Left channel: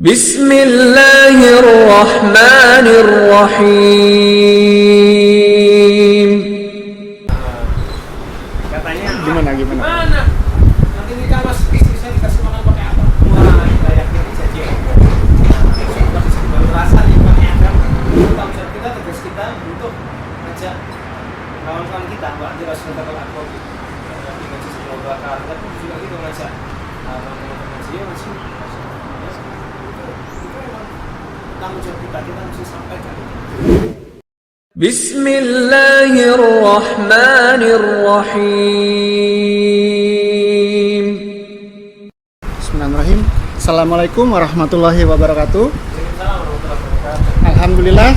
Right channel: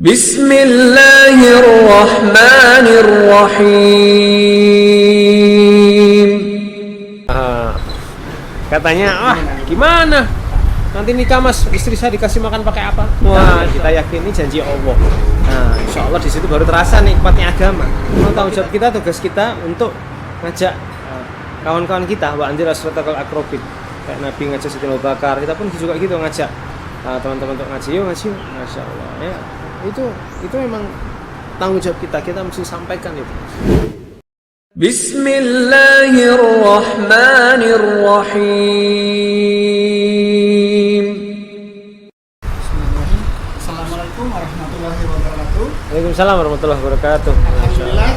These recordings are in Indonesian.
Bismillahirrahmanirrahim. Katanya, gimana? Nanti nikah mas, istri saya dikasih makan pakai apa? Wah, kita yakin ini janji Allah. Nah, insya Allah di situ baru terasa nikmatnya agama. Memang tanggung jawab kita, tugas kita untuk ngajak kawan-kawan kita, wa anzir asratakal akrobin. Kayak Nabi ngajak Sayyidina Abu Bakar, kita pun juga gitu ngajak teman-teman untuk ngaji, yuk ngaji, masya Allah. Ya, itu memang tanggung jawab kita mesti sampaikan itu. Bismillahirrahmanirrahim. Bismillahirrahmanirrahim. Assalamualaikum warahmatullahi wabarakatuh. Waalaikumsalam warahmatullahi wabarakatuh. Alhamdulillah,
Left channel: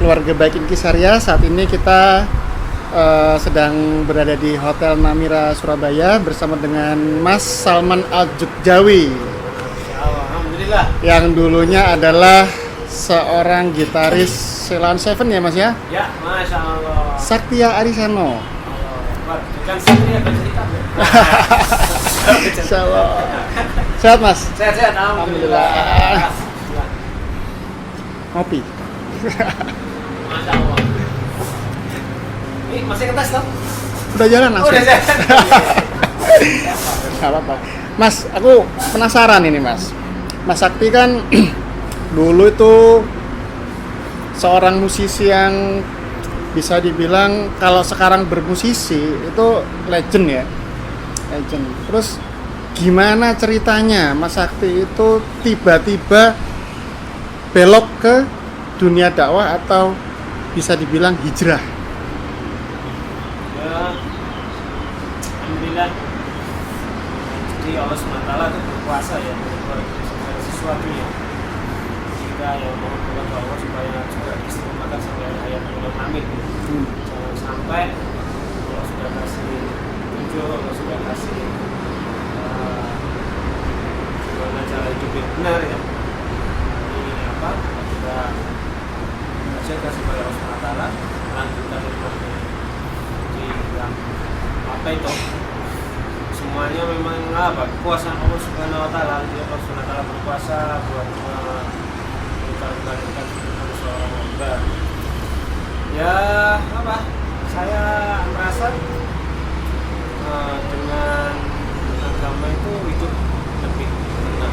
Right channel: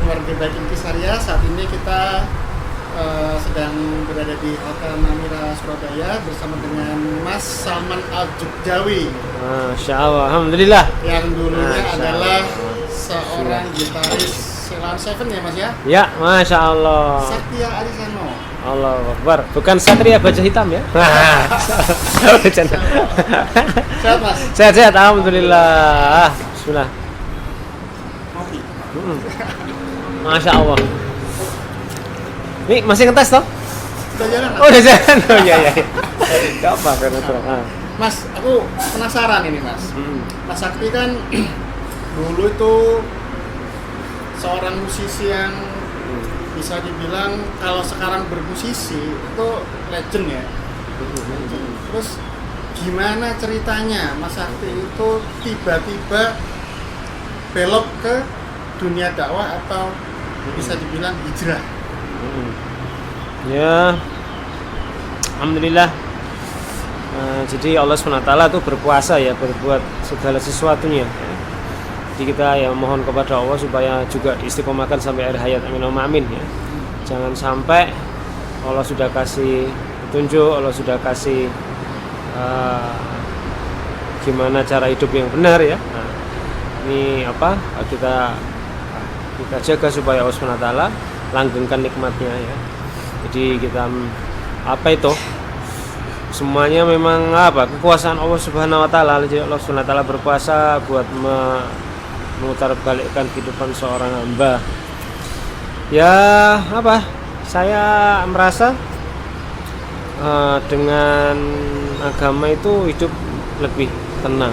keluarga baik Inkisaria, saat ini kita sedang berada di Hotel Namira Surabaya bersama dengan Mas Salman Al-Jukjawi. Masya Allah, alhamdulillah. Yang dulunya adalah seorang gitaris Ceylon Seven ya mas ya? Ya, Masya Allah. Satria Arisano. Allah Akbar. Bukan Satria Baja Hitam ya? Sehat mas? Sehat-sehat, alhamdulillah. Bismillah. Ngopi. Masya Allah. Ini masih ngetes toh? Udah jalan mas? Oh, udah jalan. Iya. Gak apa-apa. Mas, aku penasaran ini mas. Mas Sakti kan dulu itu seorang musisi yang bisa dibilang kalau sekarang bermusisi itu legend ya. Legend. Terus gimana ceritanya Mas Sakti itu tiba-tiba belok ke dunia dakwah atau bisa dibilang hijrah? Ya, alhamdulillah. Jadi Allah SWT itu berkuasa ya, berbuat segala sesuatunya. Jadi kita ya mohon kepada Allah supaya juga istiqomahkan sampai akhir hayat, amin ya. Jangan sampai Allah sudah kasih tunjuk, Allah sudah kasih gimana cara hidup yang benar ya. Nah, ini apa kita jaga supaya Allah SWT langgengkan nikmatnya ya. Jadi kita semuanya memang kekuasaan Allah Subhanahu wa taala. Jadi Allah Subhanahu wa taala berkuasa buat memutarbalikkan kehidupan seorang hamba. Ya, saya merasa dengan agama itu hidup lebih tenang,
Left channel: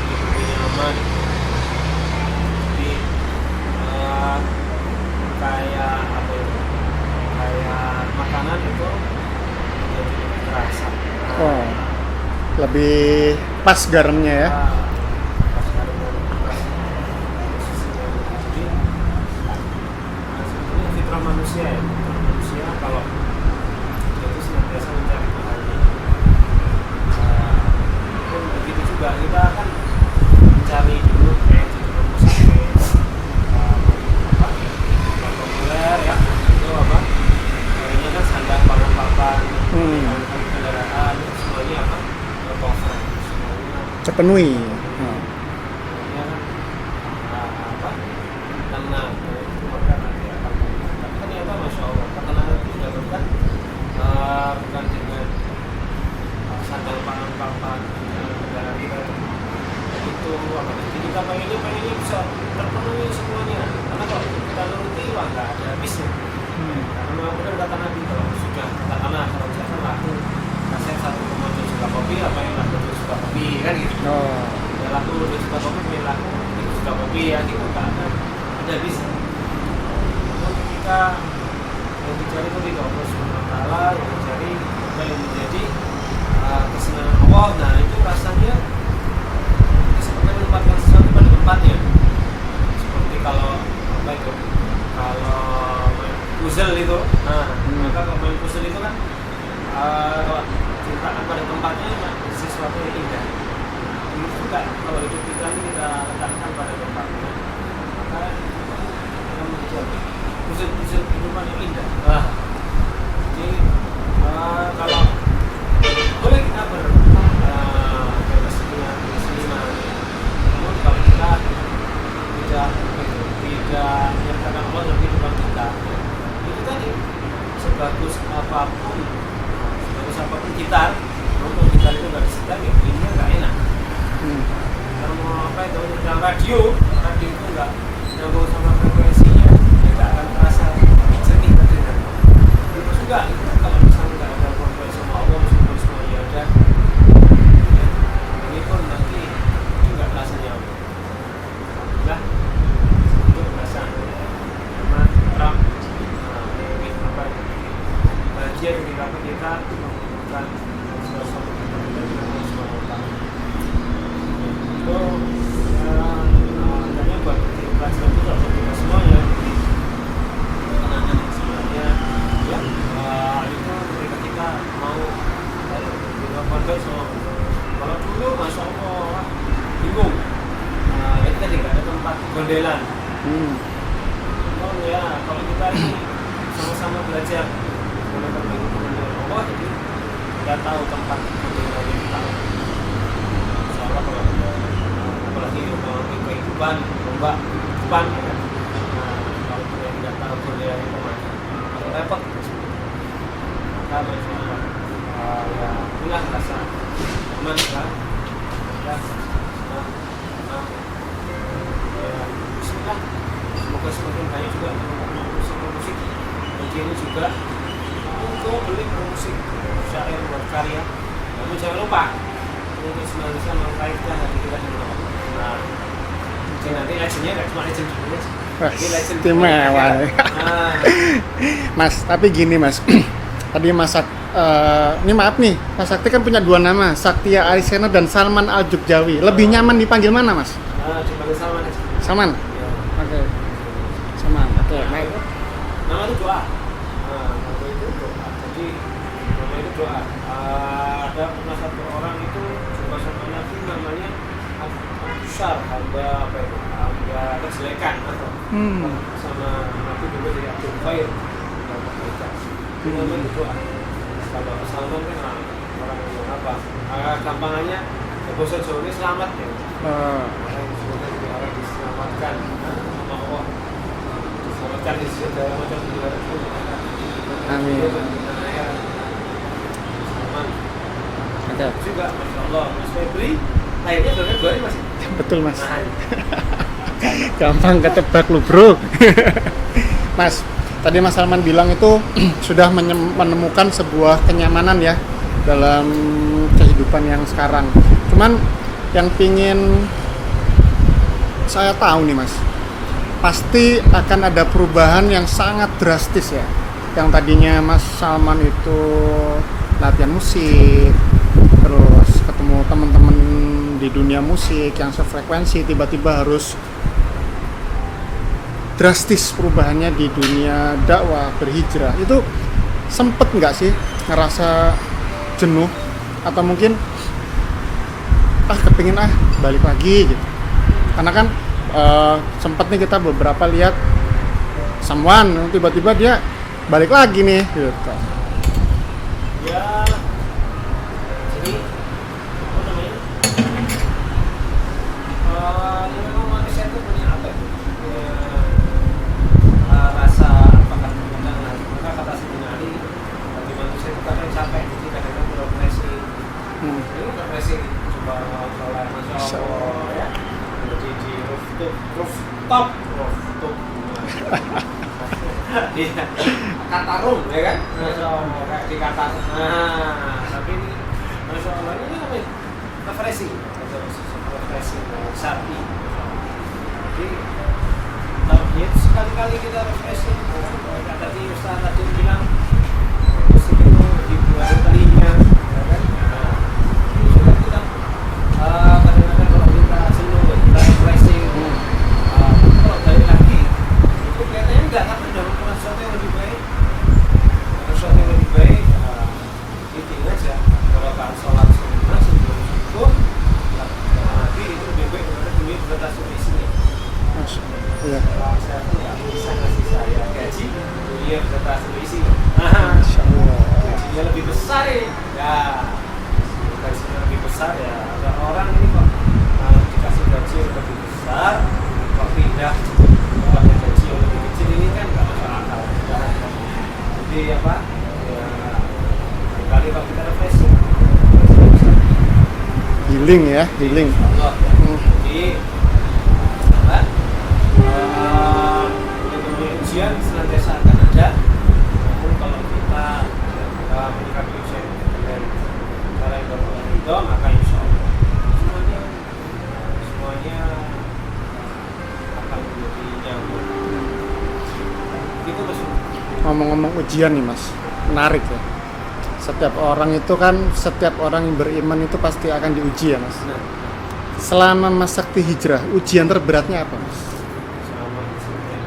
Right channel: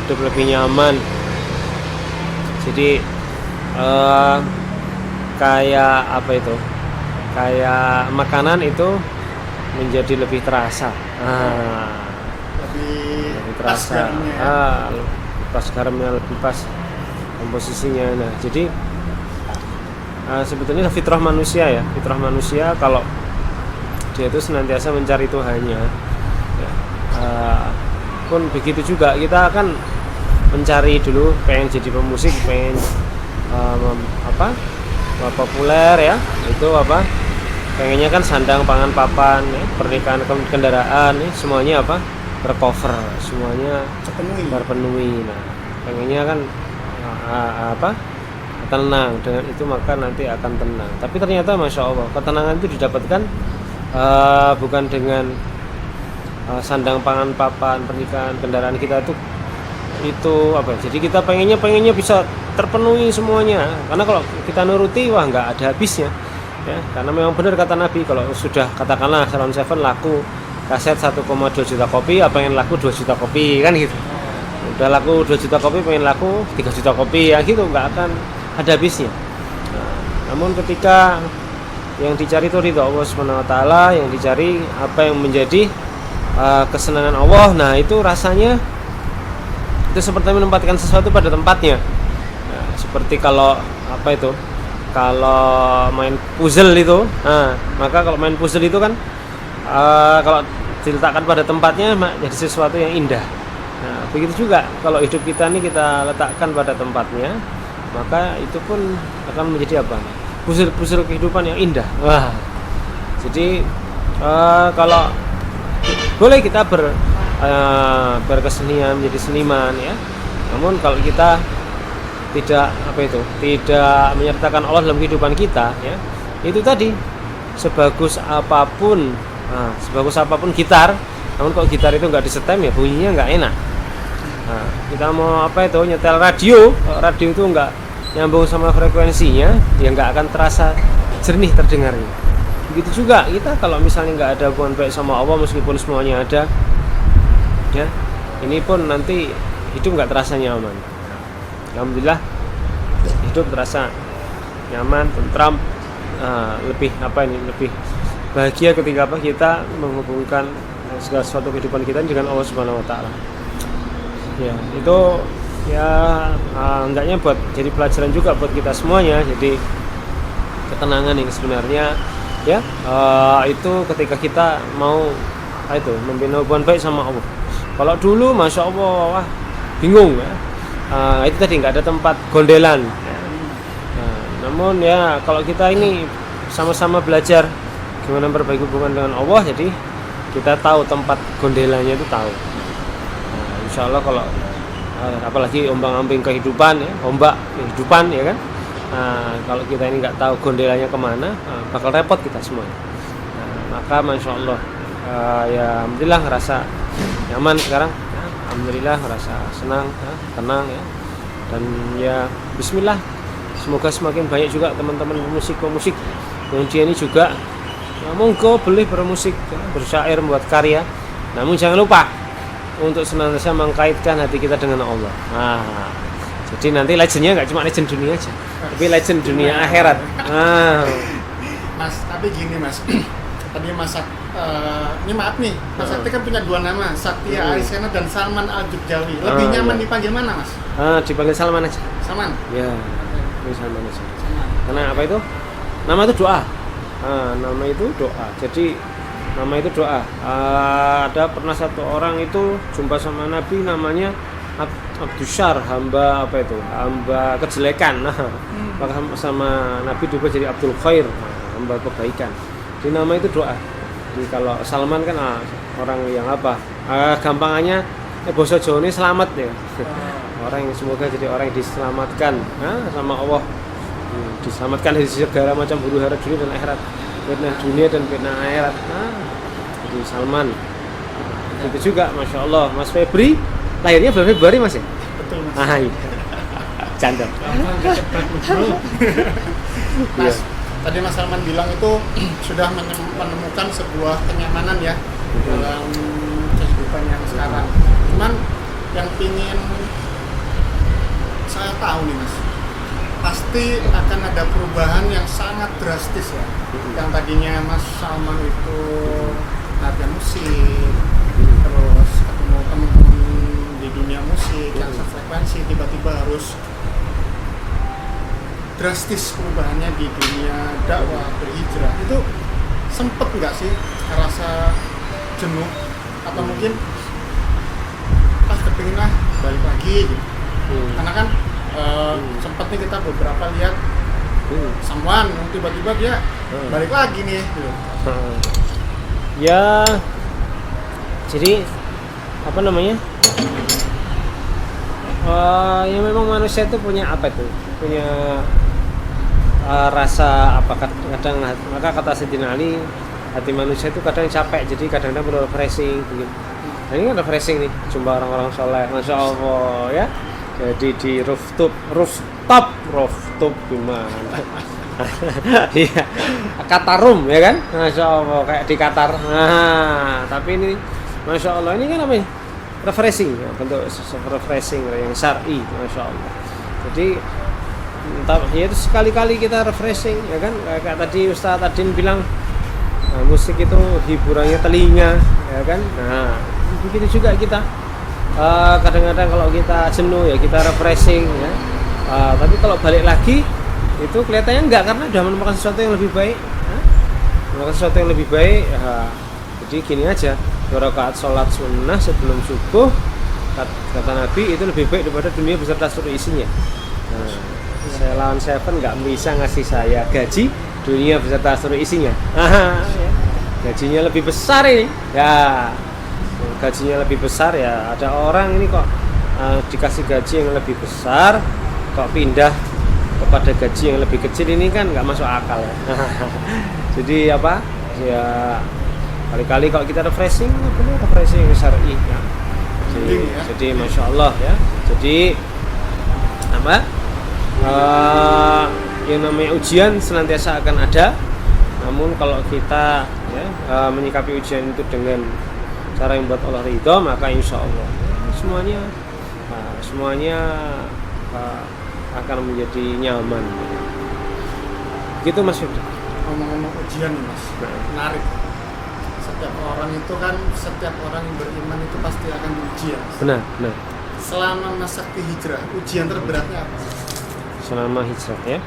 hidup lebih nyaman. Jadi kayak makanan itu menjadi lebih terasa. Lebih pas garamnya ya. Pas garamnya lebih pas komposisinya. Nah, jadi sebetulnya fitrah manusia ya. Fitrah manusia kalau dia itu senantiasa mencari Tuhannya. Pun begitu juga kita akan mencari dulu, pengen jadi pemusik, pengen populer ya. Itu pengennya kan sandang pangan papan, pernikahan, kendaraan, semuanya tercover, semuanya terpenuhi. Nah, pengennya kan tenang, dengan itu maka nanti akan tenang. Tapi ternyata masya Allah ketenangan itu didapatkan bukan dengan sandang pangan papan, pernikahan, kendaraan kita itu jadi kita pengennya bisa terpenuhi semuanya, karena kalau kita nuruti nggak ada habisnya. Ya, karena memang benar kata Nabi, kalau sudah katakanlah Ceylon Seven laku kaset 1,2 juta kopi, pengen laku 2 juta kopi kan gitu. Udah laku 2 juta kopi, pengen laku 3 juta kopi ya gitu, nggak akan ada habisnya. Namun ketika yang dicari itu ridha Allah Subhanahu wa taala, yang dicari apa yang menjadi kesenangan Allah, nah itu rasanya itu seperti menempatkan sesuatu pada tempatnya. Nah, seperti kalau kalau main puzzle itu, maka kalau main puzzle itu kan kalau diletakkan pada tempatnya jadi sesuatu yang indah. Nah, begitu juga kalau hidup kita ini kita letakkan pada tempatnya, maka itu pun akan menjadi puzzle kehidupan yang indah. Wah. Jadi kalau boleh kita berkesenian, jadi seniman ya. Namun kalau kita tidak menyertakan Allah dalam kehidupan kita ya, itu tadi sebagus apapun gitar, namun kalau gitar itu nggak disetem ya bunyinya nggak enak. Nah, kita mau apa itu nyetel radio, kalau radio itu nggak nyambung sama frekuensinya, ya nggak akan terasa jernih terdengarnya. Begitu juga kita kalau misalnya nggak ada hubungan baik sama Allah, meskipun semuanya ada, ya ini pun nanti hidup nggak terasa nyaman. Alhamdulillah hidup terasa nyaman, tentram, lebih lebih bahagia ketika kita menghubungkan segala sesuatu kehidupan kita dengan Allah Subhanahu Wa Taala. Ya, itu ya hendaknya buat jadi pelajaran juga buat kita semuanya. Jadi ketenangan ini sebenarnya ya itu ketika kita mau membina hubungan baik sama Allah. Kalau dulu masya Allah bingung ya, itu tadi nggak ada tempat gondelan. Namun ya kalau kita ini sama-sama belajar dengan memperbaiki hubungan dengan Allah, jadi kita tahu tempat gondelannya itu tahu. Insya Allah kalau apalagi ombang-ambing kehidupan, ombak kehidupan ya kan. Kalau kita ini nggak tahu gondelannya kemana, bakal repot kita semua. Maka masya Allah ya alhamdulillah ngerasa nyaman sekarang. Alhamdulillah ngerasa senang, tenang ya. Dan ya Bismillah, semoga semakin banyak juga teman-teman pemusik yang dia ini juga monggo boleh bermusik, bersyair, membuat karya. Namun jangan lupa untuk senantiasa mengkaitkan hati kita dengan Allah. Jadi nanti legendnya nggak cuma legend dunia aja, tapi legend dunia akhirat. Mas, tapi gini Mas, tadi ini maaf nih, Mas Sakti kan punya dua nama, Saktia Arisena dan Salman Al Jogjawi. Lebih nyaman dipanggil mana Mas? Dipanggil Salman aja. Salman? Ya. Oke. Salman. Nama itu? Nama itu doa. Nama itu doa. Jadi nama itu doa. Ada pernah satu orang itu jumpa sama Nabi, namanya Abdusyar, hamba kejelekan. Sama Nabi juga jadi Abdul Khair, hamba kebaikan. Jadi nama itu doa. Jadi kalau Salman kan orang yang gampangannya bahasa Jawa ini selamat ya. Orang yang semoga jadi orang yang diselamatkan sama Allah, diselamatkan dari segala macam huru hara dunia dan akhirat, fitnah dunia dan fitnah akhirat. Jadi Salman. Itu juga masya Allah Mas Febri lahirnya bulan Februari Mas ya? Betul Mas. Gampang ketebak lu bro. Mas, tadi Mas Salman bilang itu sudah menemukan sebuah kenyamanan ya dalam kehidupan yang sekarang. Cuman yang pingin saya tahu nih Mas, pasti akan ada perubahan yang sangat drastis ya. Yang tadinya Mas Salman itu latihan musik, terus ketemu teman-teman di dunia musik yang sefrekuensi, tiba-tiba harus drastis perubahannya di dunia dakwah, berhijrah. Itu sempet nggak sih ngerasa jenuh atau mungkin kepingin balik lagi gitu? Karena kan sempet nih kita beberapa lihat someone tiba-tiba dia balik lagi nih gitu. Ya jadi ya memang manusia itu punya punya rasa kadang maka kata Sayyidina Ali, hati manusia itu kadang capek, jadi kadang-kadang perlu refreshing gitu. Nah, ini kan refreshing nih, jumpa orang-orang soleh, masya Allah ya. Jadi di rooftop gimana? Iya, Katarum ya kan, masya Allah kayak di Qatar. Tapi ini masya Allah ini kan namanya refreshing, untuk refreshing yang syar'i, masya Allah. Jadi ya itu sekali-kali kita refreshing ya kan, kayak tadi Ustaz Adin bilang musik itu hiburannya telinga ya kan. Nah begini juga kita kadang-kadang kalau kita jenuh ya kita refreshing ya. Tapi kalau balik lagi itu kelihatannya enggak, karena udah menemukan sesuatu yang lebih baik ya. Menemukan sesuatu yang lebih baik ya. Jadi gini aja, 2 rakaat sholat sunnah sebelum subuh kata Nabi itu lebih baik daripada dunia beserta seluruh isinya. Lawan Seven nggak bisa ngasih saya gaji dunia beserta seluruh isinya. Gajinya lebih besar ini ya, gajinya lebih besar ya. Ada orang ini kok dikasih gaji yang lebih besar kok pindah kepada gaji yang lebih kecil, ini kan nggak masuk akal. Jadi ya kali-kali kalau kita refreshing syar'i Giling ya, Jadi giling. Masya Allah ya. Jadi apa? Yang namanya ujian senantiasa akan ada. Namun kalau kita ya, menyikapi ujian itu dengan cara yang buat Allah ridho, maka insya Allah semuanya akan menjadi nyaman. Gitu Mas. Ngomong-ngomong ujian nih Mas, menarik ya. Setiap orang yang beriman itu pasti akan diuji ya Mas. Benar. Selama Mas Sakti hijrah, ujian terberatnya apa Mas? Selama hijrah ya,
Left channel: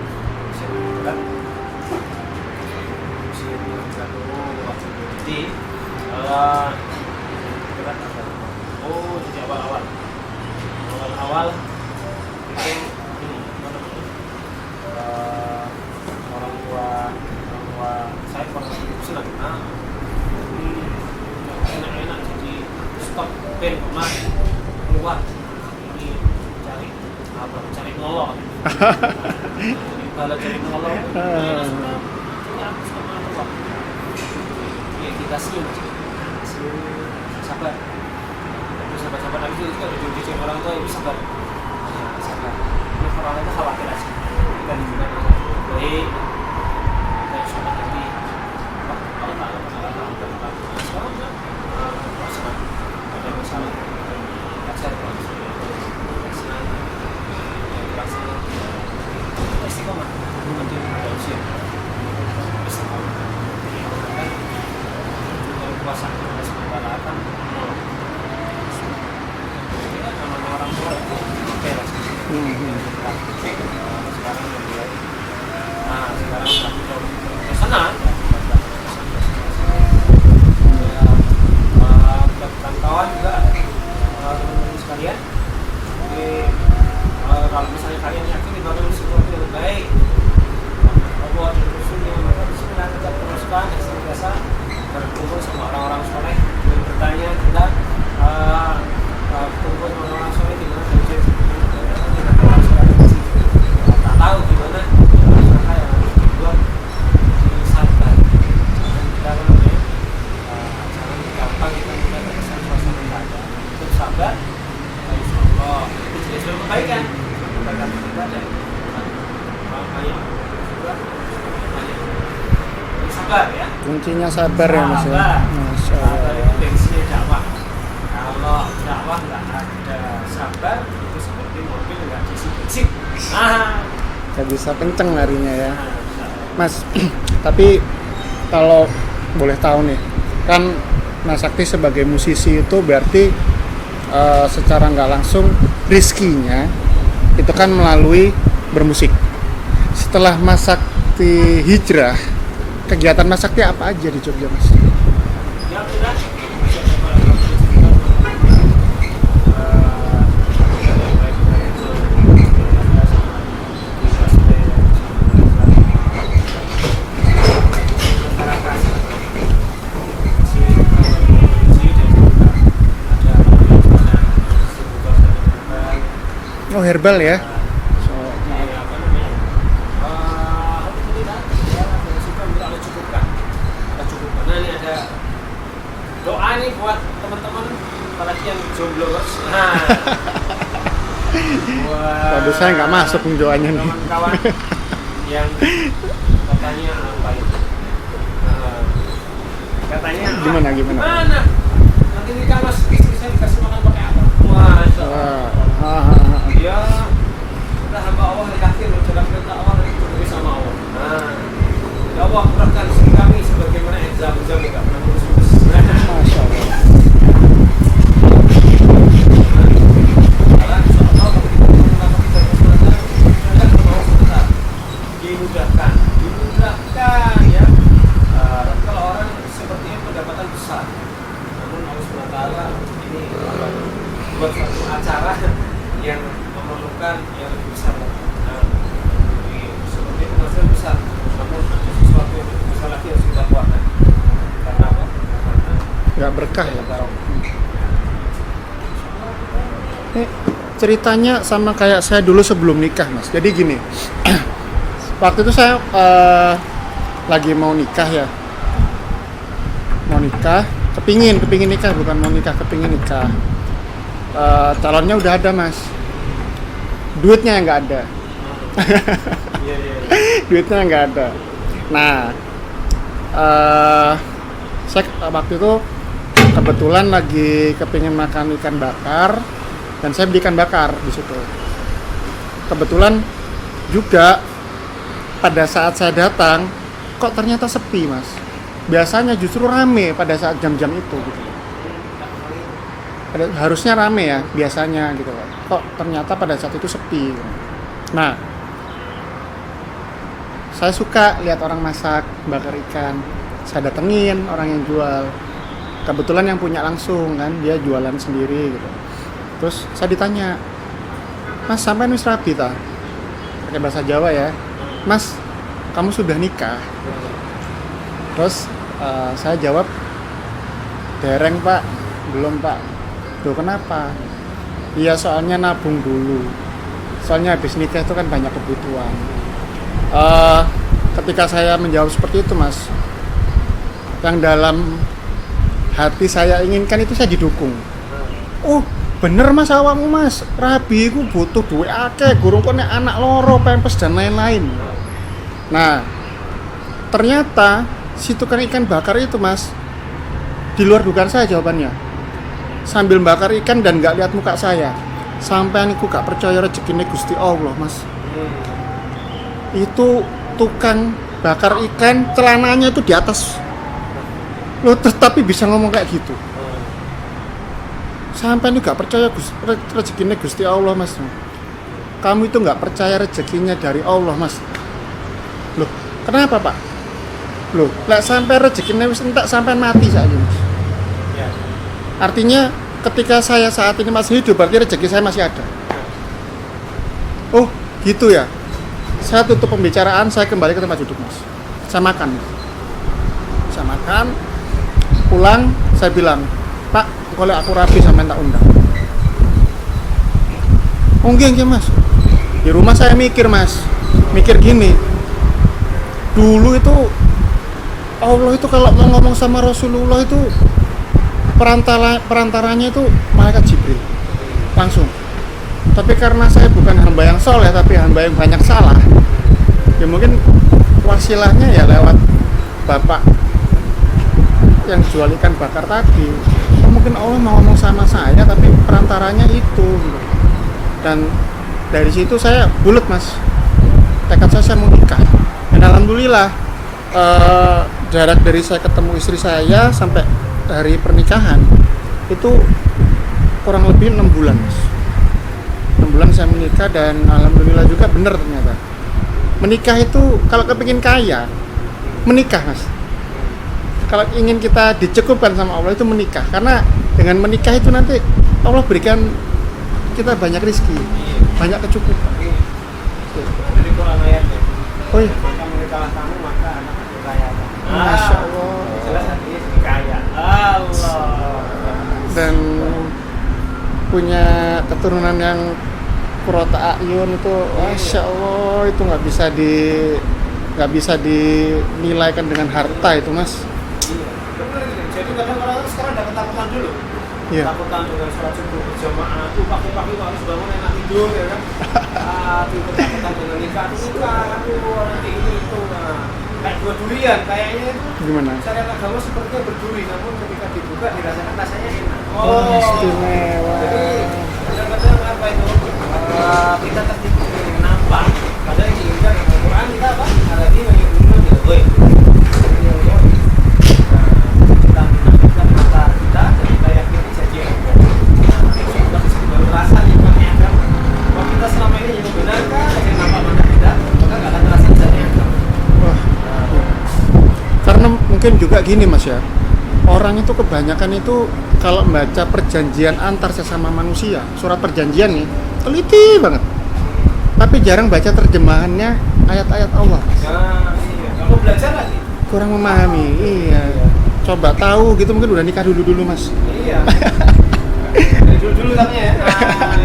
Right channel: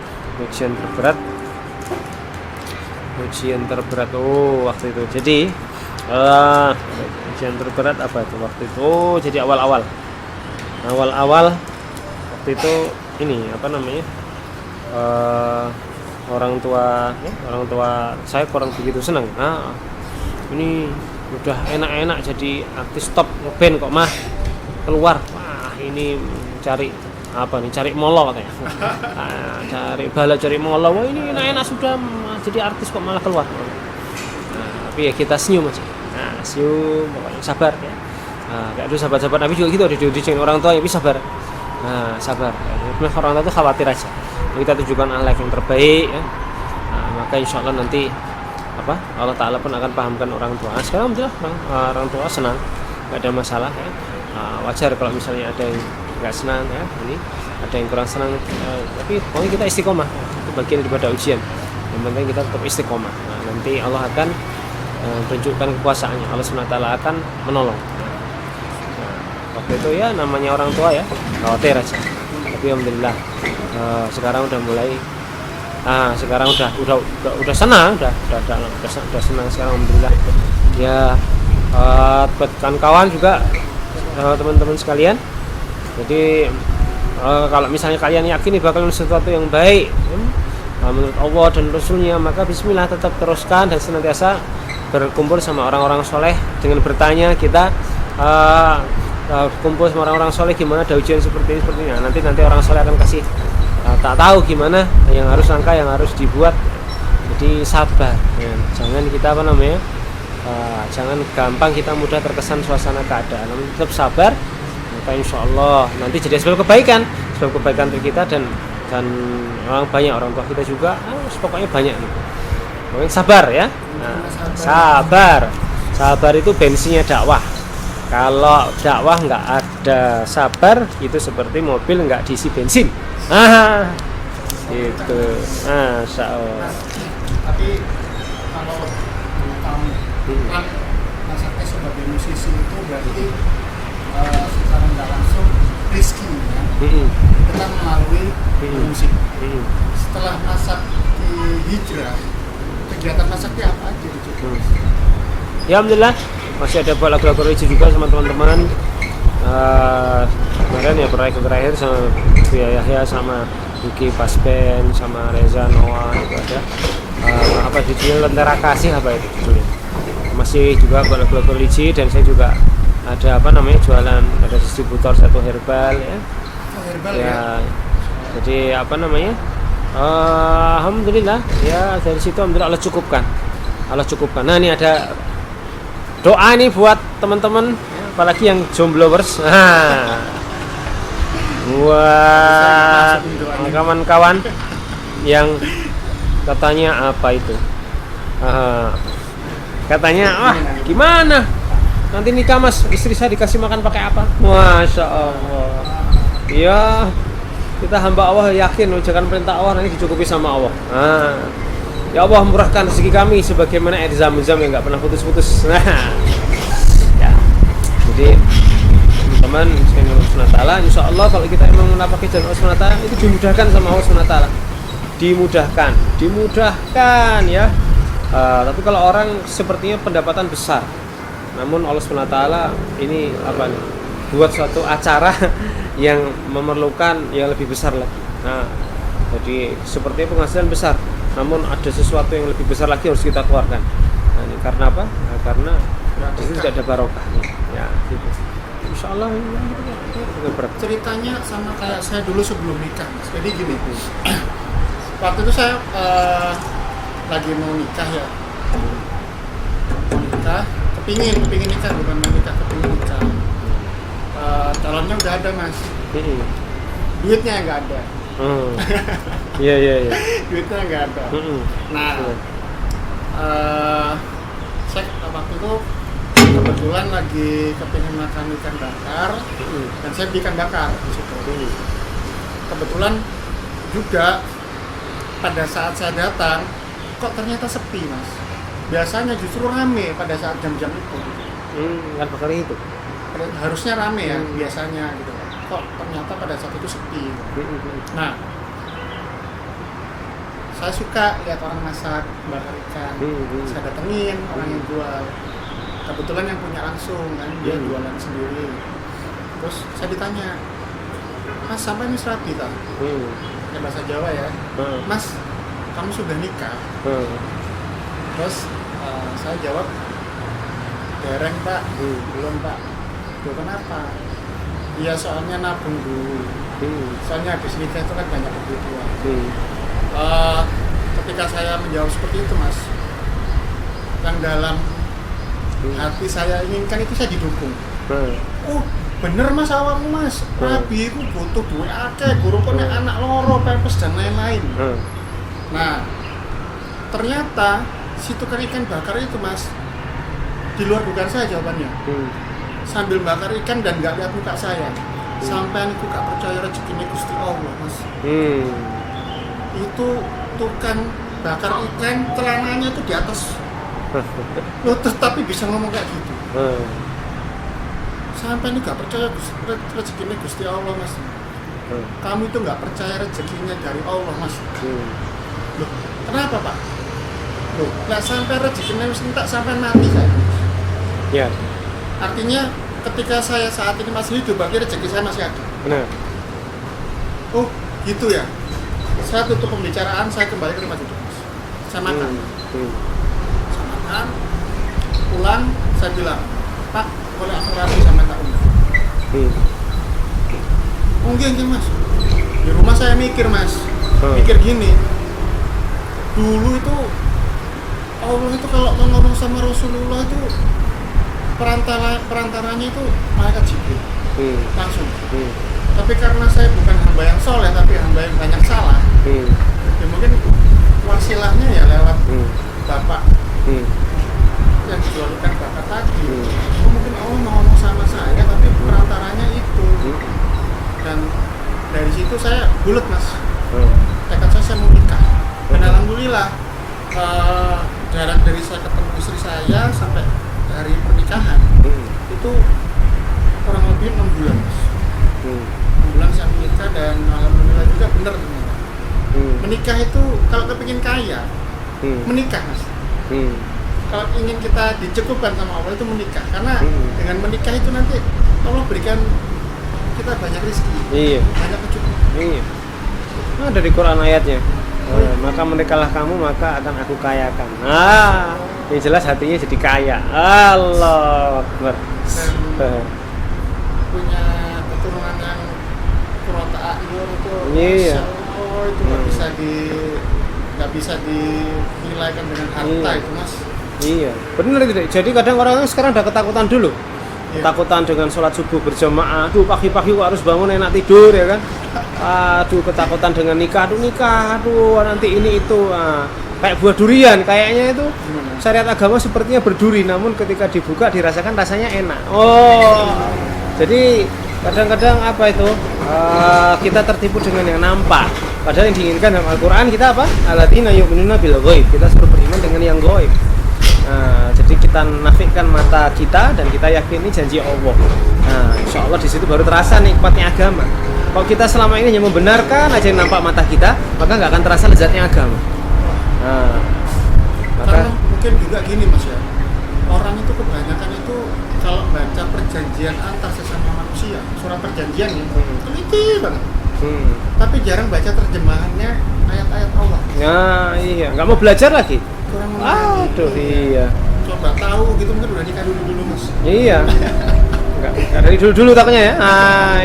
ujian terberat waktu itu. Jadi ujian terberat apa itu waktu itu? Jadi awal waktu itu ini apa namanya? Orang tua saya kurang begitu senang. Ini udah enak-enak jadi artis top band kok mah keluar. Ini cari molo kayak. Cari molo. Wah, ini enak sudah jadi artis kok malah keluar. Tapi ya kita senyum aja. Senyum, sabar. Enggak ada sahabat-sahabat Nabi juga gitu, ada diuji orang tua ya bisa sabar. Sabar. Nah, orang tua itu khawatir aja. Kita tunjukkan akhlak yang terbaik ya. Maka insya Allah nanti Allah Ta'ala pun akan pahamkan orang tua. Sekarang orang tua senang, nggak ada masalah. Wajar kalau misalnya ada yang nggak senang ya. Jadi ada yang kurang senang, tapi pokoknya kita istiqomah bagian daripada ujian. Yang penting kita tetap istiqomah. Nanti Allah akan tunjukkan kekuasaannya. Allah SWT akan menolong. Waktu itu ya namanya orang tua ya khawatir aja. Tapi alhamdulillah sekarang udah mulai sekarang udah senang, udah senang sekarang alhamdulillah. Ya buat kawan juga teman-teman sekalian. Jadi kalau misalnya kalian yakin bakal sesuatu yang baik menurut Allah dan Rasulnya, maka bismillah tetap teruskan dan senantiasa berkumpul sama orang-orang soleh dengan bertanya kita kumpul sama orang-orang soleh gimana ada ujian seperti ini. Nanti orang soleh akan kasih tak tahu gimana yang harus langkah yang harus dibuat, di sabar. Jangan kita jangan gampang kita mudah terkesan suasana keadaan. Tetap sabar, maka insya Allah nanti jadi sebab kebaikan untuk kita dan orang tua kita juga. Pokoknya banyak. Sabar ya. Kuncinya sabar. Sabar itu bensinnya dakwah. Kalau dakwah nggak ada sabar, itu seperti mobil nggak diisi bensin. Bisa kenceng larinya ya. Mas, tapi kalau boleh tahu nih, kan Mas Sakti sebagai musisi itu berarti secara nggak langsung rizkinya itu kan melalui bermusik. Setelah Mas Sakti hijrah, kegiatan Mas Sakti apa aja di Jogja Mas? Ya alhamdulillah masih ada kolaborasi juga sama teman-teman. Kemudian ya terakhir sama Yahya sama Yuki Paspen sama Reza Noah juga ada judulnya Lentera Kasih itu masih juga kolaborasi dan saya juga ada jualan, ada distributor satu herbal ya. Oh herbal ya. Jadi alhamdulillah ya dari situ alhamdulillah Allah cukupkan. Nah ini ada doa nih buat teman-teman apalagi yang jomblowers. Buat saya nggak masuk doanya. Kawan-kawan yang katanya apa itu? Katanya gimana? Nanti nikah Mas, istri saya dikasih makan pakai apa? Masya Allah. Ya kita hamba Allah yakin ucapan perintah Allah nanti dicukupi sama Allah. Ya Allah murahkan rezeki kami sebagaimana air zam-zam yang nggak pernah putus-putus. Ya. Jadi teman Allah insya Allah kalau kita memang menapaki jalan Allah SWT itu dimudahkan sama Allah SWT. Dimudahkan ya. Tapi kalau orang sepertinya pendapatan besar, namun Allah SWT ini buat suatu acara yang memerlukan yang lebih besar lah. Jadi sepertinya penghasilan besar, namun ada sesuatu yang lebih besar lagi harus kita keluarkan. Karena apa? Karena nggak berkah, ada barokah. Ya, gitu. Insya Allah. Ceritanya sama kayak saya dulu sebelum nikah Mas. Jadi gini, waktu itu saya lagi mau nikah ya. Mau nikah, kepingin nikah, bukan mau nikah, kepingin nikah. calonnya udah ada mas, Hmm. duitnya yang nggak ada. Iya iya iya. Duitnya nggak ada. Hmm. Nah, saya waktu itu kebetulan lagi kepingin makan ikan bakar dan saya beli ikan bakar di situ. Kebetulan juga pada saat saya datang kok ternyata sepi mas. Biasanya justru rame pada saat jam-jam itu gitu. Apa kali itu? Harusnya rame ya biasanya gitu. Kok ternyata pada saat itu sepi. Nah, saya suka lihat orang masak bakar ikan. Saya datengin orang yang jual. Kebetulan yang punya langsung kan, dia jualan sendiri gitu. Terus saya ditanya, Mas sampai wis rabi ta? Pakai bahasa Jawa ya. Mas, kamu sudah nikah? Terus saya jawab, dereng Pak, belum Pak. Loh kenapa? Iya soalnya nabung dulu. Soalnya habis nikah itu kan banyak kebutuhan. Ketika saya menjawab seperti itu mas, yang dalam hati saya inginkan itu saya didukung. Oh bener mas awakmu mas, rabi ku butuh duit akeh, gurung kok nek anak loro, pempes dan lain-lain. Nah ternyata si tukang ikan bakar itu mas, di luar dugaan saya jawabannya. Sambil bakar ikan dan nggak lihat muka saya, sampai aku gak percaya rezekinya Gusti Allah mas. Itu tukang bakar ikan celananya itu di atas loh, tetapi bisa ngomong kayak gitu. Sampai ini gak percaya rezekinya Gusti Allah mas. Kamu itu gak percaya rezekinya dari Allah mas. Loh kenapa pak? Loh lek sampai rezekinya wis entek sampai mati saya ini mas. Ya. Artinya ketika saya saat ini masih hidup berarti rezeki saya masih ada. Oh gitu ya. Saya tutup pembicaraan, saya kembali ke tempat duduk mas. Saya makan. Saya makan, pulang, saya bilang, Pak, kalau aku rapi sama tak undang. Oh enggak mas. Di rumah saya mikir mas, mikir gini. Dulu itu Allah itu kalau mau ngomong sama Rasulullah itu perantaranya itu malaikat Jibril langsung. Tapi karena saya bukan hamba yang soleh tapi hamba yang banyak salah, ya mungkin wasilahnya ya lewat bapak yang jual ikan bakar tadi. Oh, mungkin Allah mau ngomong sama saya tapi perantaranya itu. Dan dari situ saya bulat mas, tekad saya mau nikah. Dan alhamdulillah jarak dari saya ketemu istri saya sampai hari pernikahan itu kurang lebih 6 bulan mas. 6 bulan saya menikah dan alhamdulillah juga benar ternyata. Menikah itu kalau kepingin kaya menikah mas. Kalau ingin kita dicukupkan sama Allah itu menikah, karena dengan menikah itu nanti Allah berikan kita banyak rezeki, banyak kecukupan. Itu ada di Quran ayatnya. Oh, iya. Maka menikahlah kamu maka akan aku kayakan. Yang jelas hatinya jadi kaya. Allah. Dan punya keturunan yang kurota ayun itu, masya Allah itu nggak bisa dinilaikan dengan harta itu mas. Iya, benar gitu. Jadi kadang orang sekarang ada ketakutan dulu. Iya. Takutan dengan sholat subuh berjamaah, aduh pagi-pagi harus bangun enak tidur ya kan. Aduh ketakutan dengan nikah, aduh nanti ini itu. Kayak buah durian kayaknya itu. Gimana? Syariat agama sepertinya berduri, namun ketika dibuka dirasakan rasanya enak. Oh, jadi kadang-kadang apa itu kita tertipu dengan yang nampak. Padahal yang diinginkan dalam Al-Quran kita apa? Alladzina yu'minuna bil ghaib. Kita suruh beriman dengan yang ghaib. Nah, jadi kita nafikan mata kita dan kita yakini janji Allah. Nah, insya Allah di situ baru terasa nikmatnya agama. Kalau kita selama ini hanya membenarkan aja yang nampak mata kita, maka nggak akan terasa lezatnya agama. Nah, Karena mungkin juga gini mas ya, orang itu kebanyakan itu kalau membaca perjanjian antar sesama manusia, surat perjanjian nih, teliti banget. Tapi jarang baca terjemahannya ayat-ayat Allah. Ya iya, nggak mau belajar lagi. Kurang memahami. Iya. Coba tahu gitu mungkin udah nikah dulu mas. Iya. Nggak dari dulu katanya ya.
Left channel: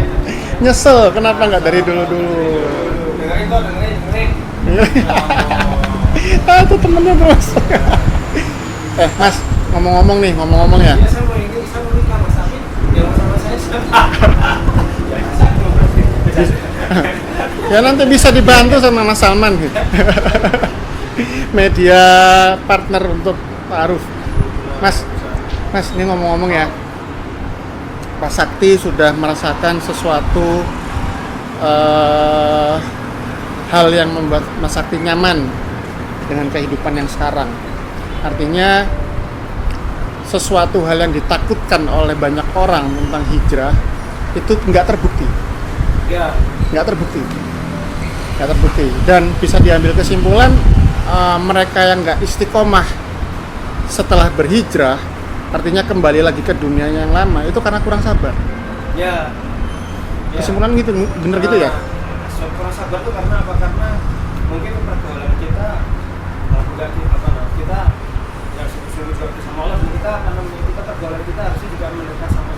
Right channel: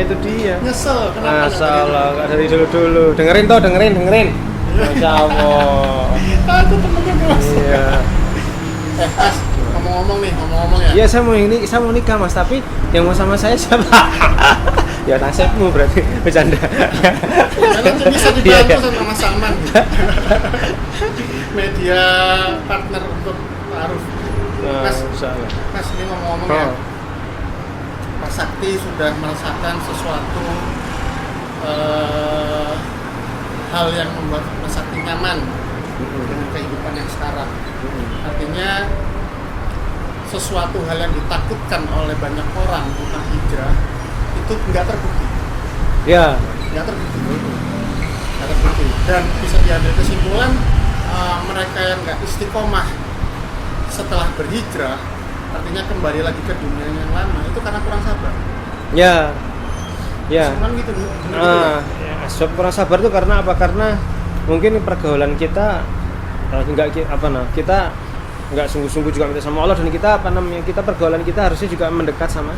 Itu dia. Nyesel kenapa nggak dari dulu? Dari dulu. Dengerin. Insya Allah. Itu temennya terus. Iya. Mas, ngomong-ngomong ya. Iya, saya mau nikah Mas, tapi yang mau sama saya siapa? Ya nasibmu berarti, bercanda. Ya nanti bisa dibantu sama Mas Salman gitu. Media partner untuk Pak Aruf. Mas, ini ngomong-ngomong ya. Pak Sakti sudah merasakan sesuatu hal yang membuat Mas Sakti nyaman dengan kehidupan yang sekarang. Artinya sesuatu hal yang ditakutkan oleh banyak orang tentang hijrah itu nggak terbukti. Ya, nggak terbukti dan bisa diambil kesimpulan mereka yang nggak istiqomah setelah berhijrah, artinya kembali lagi ke dunia yang lama, itu karena kurang sabar. Ya. Kesimpulan gitu, bener gitu ya? Sebab kurang sabar itu karena apa? Karena mungkin pergaulan kita kita nggak sungguh-sungguh juga minta sama Allah, dan kita pergaulan kita harusnya juga mendekat sama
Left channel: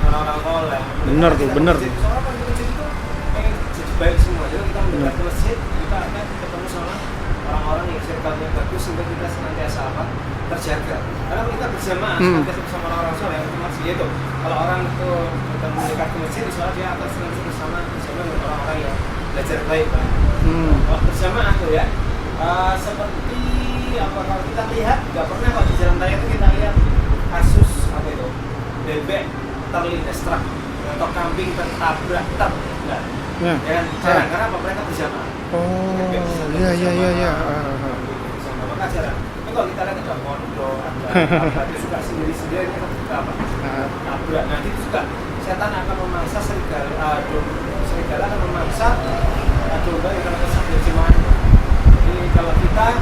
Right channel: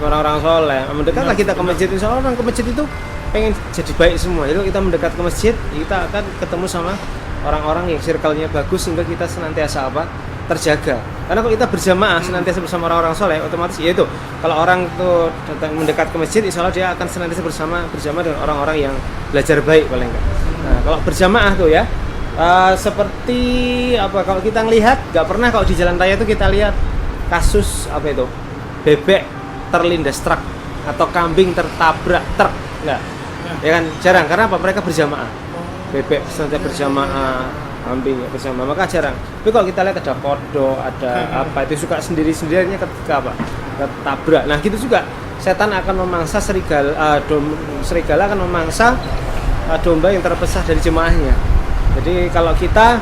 orang-orang soleh. Mendekatlah kita ke masjid. Insya Allah orang ke masjid itu pengen jadi baik semua. Itu kita mendekat ke masjid, kita akan ketemu sama orang-orang yang circle-nya bagus sehingga kita senantiasa terjaga. Karena kalau kita berjamaah senantiasa bersama orang-orang soleh, otomatis ya itu. Kalau orang itu datang mendekat ke masjid, insya Allah dia akan senantiasa berjamaah dengan orang-orang yang belajar baik paling. Nah, kalau berjamaah tuh ya. Seperti apa, kalau kita ngelihat, nggak pernah kalau di jalan raya itu kita lihat kasus bebek terlindas truk atau kambing tertabrak truk, nggak, ya kan jarang. Karena apa? Mereka berjamaah. Bebek saja berjamaah, kambing berjamaah, maka jarang. Tapi kalau kita lihat ada kodok, ada apa itu suka sendiri-sendirinya ketika tabrak. Nah gitu juga setan akan memangsa serigala akan memangsa domba yang terpisah dari jemaahnya. Jadi kalau kita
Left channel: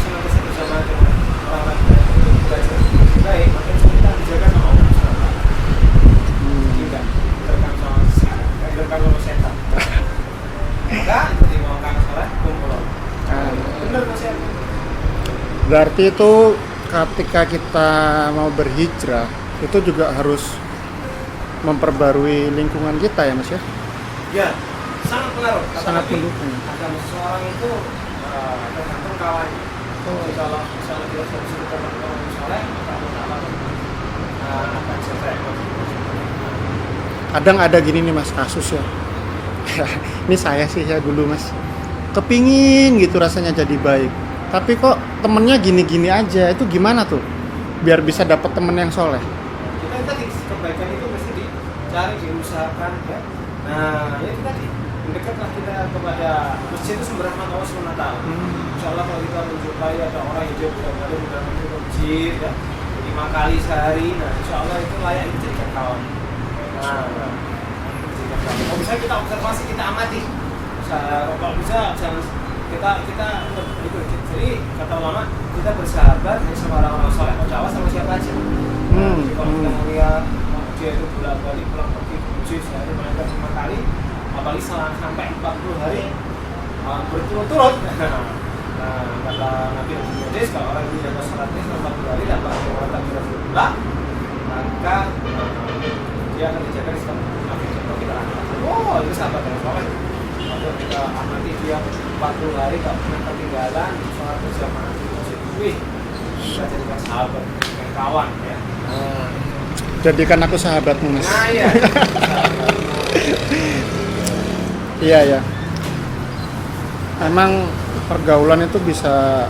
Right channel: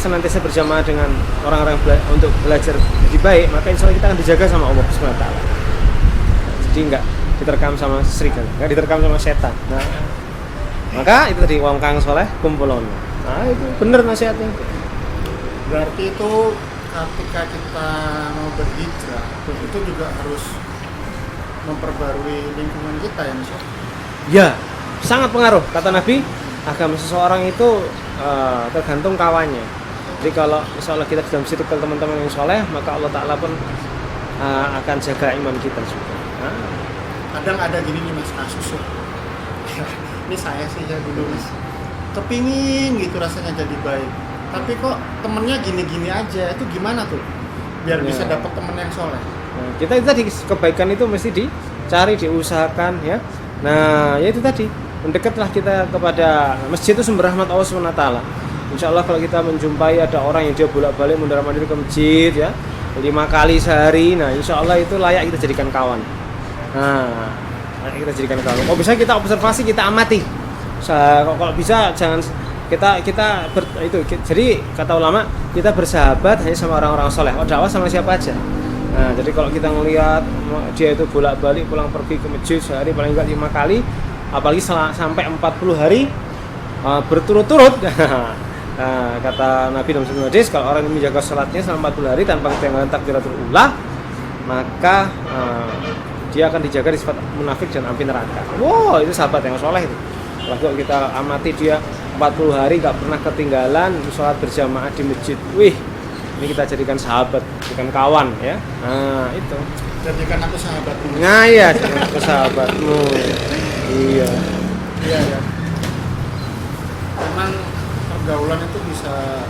senantiasa berjamaah dengan orang-orang untuk belajar lebih baik, maka insya Allah kita akan dijaga sama Allah SWT. Jadi enggak diterkam sama serigala, enggak diterkam sama setan. Nah, maka itu tadi wong kang soleh kumpulon. Nah, bener nasihatnya. Berarti itu ketika kita mau berhijrah itu juga harus memperbarui lingkungan kita ya Mas ya? Ya, sangat pengaruh. Kata Nabi, agama seseorang itu tergantung kawannya. Jadi kalau misalnya kita dalam situ ke teman-teman yang soleh, maka Allah Ta'ala pun akan jaga iman kita juga. Kadang ada gini nih Mas, kasus ya. Ini saya sih ya dulu Mas, kepingin gitu rasanya jadi baik, tapi kok temennya gini-gini aja. Itu gimana tuh biar bisa dapat temen yang soleh? Kita itu tadi, kebaikan itu mesti dicari, diusahakan ya. Nah ya itu tadi, mendekatlah kita kepada masjid, itu sumber rahmat Allah SWT. Insya Allah kalau kita menjumpai ada orang yang dia bolak-balik mundar-mandir ke masjid ya, 5 kali sehari, nah insya Allah itu layak kita jadikan kawan. Nah kita jadikan kawan. Kalau bisa kita observasi, kita amati. Kalau bisa jangan jadi kata ulama, kita bersahabat hanya sama orang-orang soleh. Dakwah sama siapa aja. Nah, jadi kalau kita ngelihat dia itu bolak-balik pulang pergi ke masjid sehari paling enggak 5 kali, apalagi sampai 40 hari berturut-turut. Nah, kata Nabi dalam sebuah hadis, kalau orang yang menjaga salatnya selama 40 hari tanpa dengan takbiratul ula, maka dia akan dijaga di sifat munafik dan api neraka. Wow, itu sahabat yang soleh. Waktu kita amati dia 40 hari gak pernah ketinggalan sholat berjamaah di masjid. Wih, ini kita jadikan sahabat, jadikan kawan ya. Nah itu, jadikan aku sahabatmu. Nah iya, aku sahabatmu. Iya ya. Emang pergaulan itu bisa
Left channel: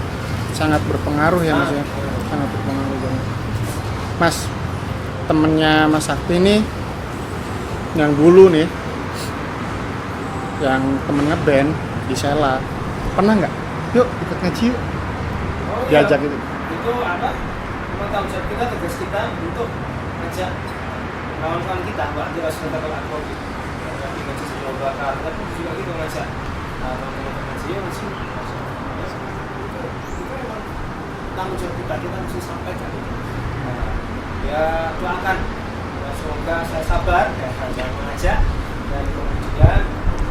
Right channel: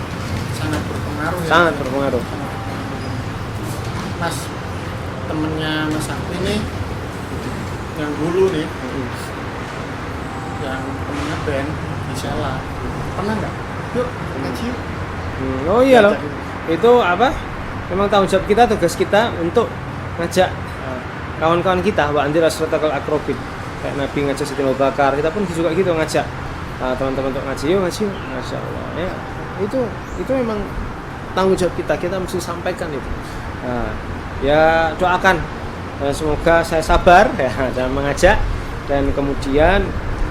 sangat berpengaruh ya. Sangat berpengaruh. Mas, temennya Mas Sakti nih yang dulu nih, yang temennya band di Sela, pernah nggak? Yuk ikut ngaji yuk. Oh iya loh. Gitu. Itu apa? Memang tanggung jawab kita, tugas kita untuk ngajak kawan-kawan kita, wa anzir asratakal akrobin. Kayak Nabi ngajak Sayyidina Abu Bakar, kita pun juga gitu ngajak teman-teman untuk ngaji, yuk ngaji. Masya Allah ya. Itu memang tanggung jawab kita mesti sampaikan itu. Nah, ya doakan semoga saya sabar ya dalam mengajak, dan kemudian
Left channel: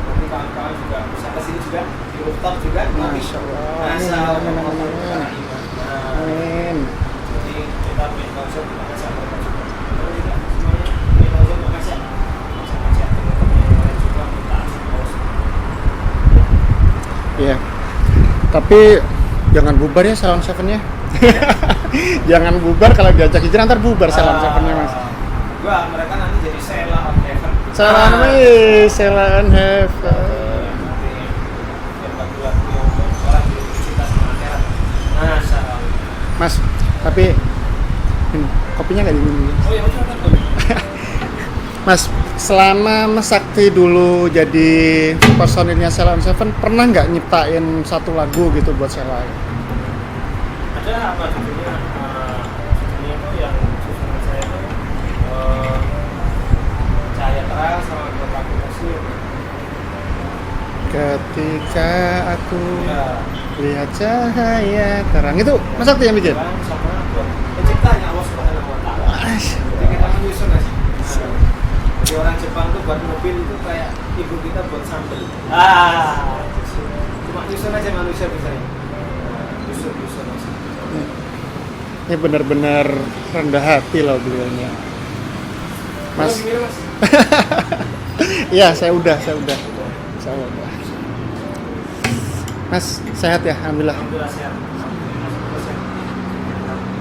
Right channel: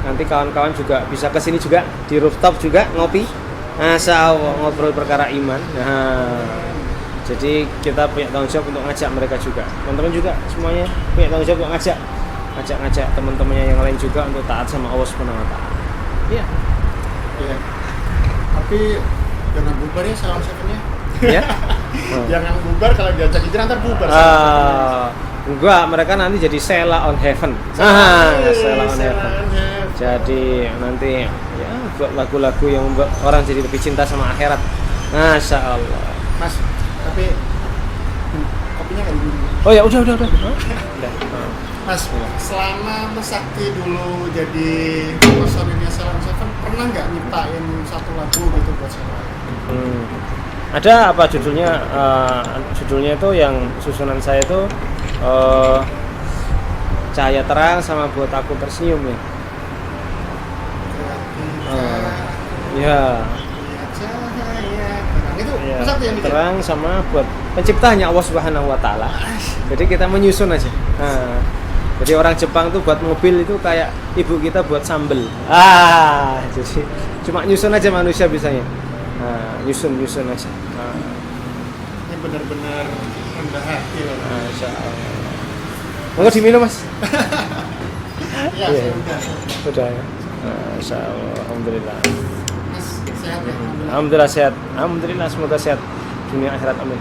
nanti kawan-kawan juga bisa kesini juga di rooftop juga ngopi. Masya Allah, ngobrol perkara iman. Nah, jadi kita punya tanggung jawab untuk ngajak mereka juga. Teman-teman juga semuanya punya tanggung jawab untuk ngajak teman-temannya yang lain juga untuk taat sama Allah Subhanahu wa taala. Iya. Iya. Tapi jangan bubar ya Salam Seven ya. Ya. Jangan bubar kalau diajak hijrah ntar bubar Sela on Seven-nya, Mas. Enggak, mereka nanti jadi Sela on Heaven. Sela on Heaven. Jadi nanti ya, buat lagu-lagu yang membuat orang jadi lebih cinta sama akhirat. Masya Allah. Mas, tapi kopinya nggak diminum. Oh ya udah. Mas, selama Mas Sakti dulu jadi personilnya Sela on Seven, pernah nggak nyiptain satu lagu gitu buat Sela? Ada apa judulnya? Judulnya itu yang susunan saya itu cahaya terang sama buat aku tersenyum ya. Ketika aku Ya. lihat cahaya terang itu Ya, Mas Sakti yang bikin? terang sama buat penciptanya Allah Subhanahu Wa Taala. Jadi kita menyusun aja. Nah, jadi orang Jepang tuh buat mobil itu kayak ibu kita buat sambel. Jadi cuma nyusun aja manusia bisanya. Nah, nyusun aja. Ini benar-benar rendah hati loh dulu. Mau diminum mas? Iya, saya udah. Sudah. Alhamdulillah. Mas sehat ya, alhamdulillah. Alhamdulillah sehat. Alhamdulillah semoga sehat. Dunia akhirat amin.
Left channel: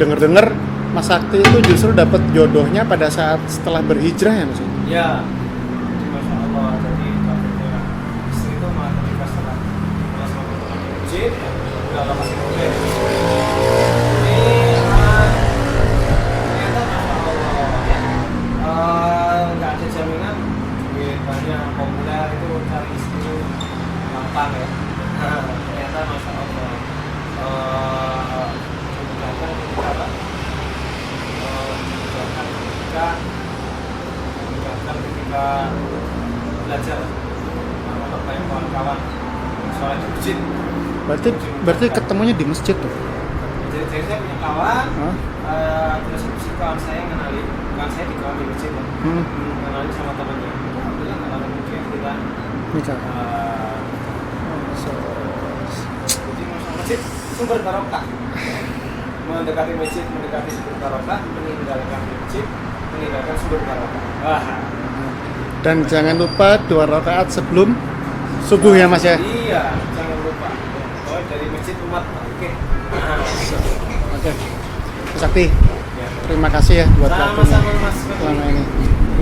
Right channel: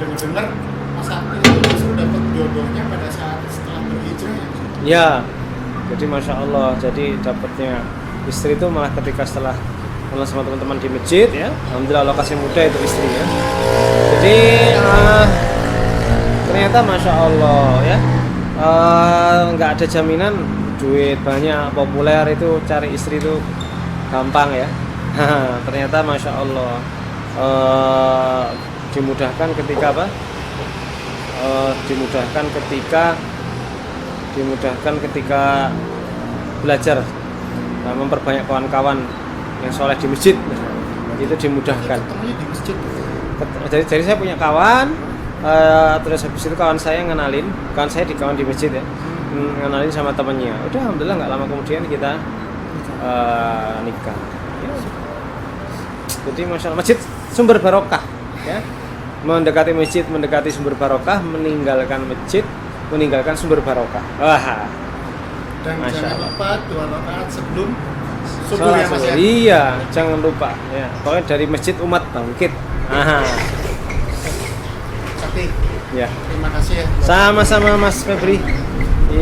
Dengar-dengar Mas Sakti itu justru dapat jodohnya pada saat setelah berhijrah ya Mas? Ya. Jadi masya Allah. Jadi dapatnya istri itu malah ketika setelah kenal sama teman-teman di masjid ya. Alhamdulillah Allah kasih mudah itu istrinya. Jadi ternyata masya Allah ya. Nggak ada jaminan duit banyak populer itu cari istri itu gampang ya. Ternyata masya Allah dimudahkan ketika apa? Dimudahkan ketika belajar memperbanyak kawan-kawan yang soleh di masjid. Berarti ketemunya di masjid tuh? Jadi saya punya kawan, terus habis itu kawan saya ngenalin, kawan saya di masjid ya, ngenalin sama temennya. Udah alhamdulillah nggak lama kemudian kita nikah. Jadi masya Allah, masjid sumber barokah. Ya. Mendekati masjid, mendekati sumber barokah, meninggalkan masjid, meninggalkan sumber barokah. Wah. Dan Masya jangan Allah. lupa 2 rakaat sebelum subuh ya Mas ya. Iya, jangan lupa. Ya. Pokoknya dari masjid umat bangkit. Oke. Sakti, Ya. terima kasih ya. buat Sama-sama Mas Febri. waktunya.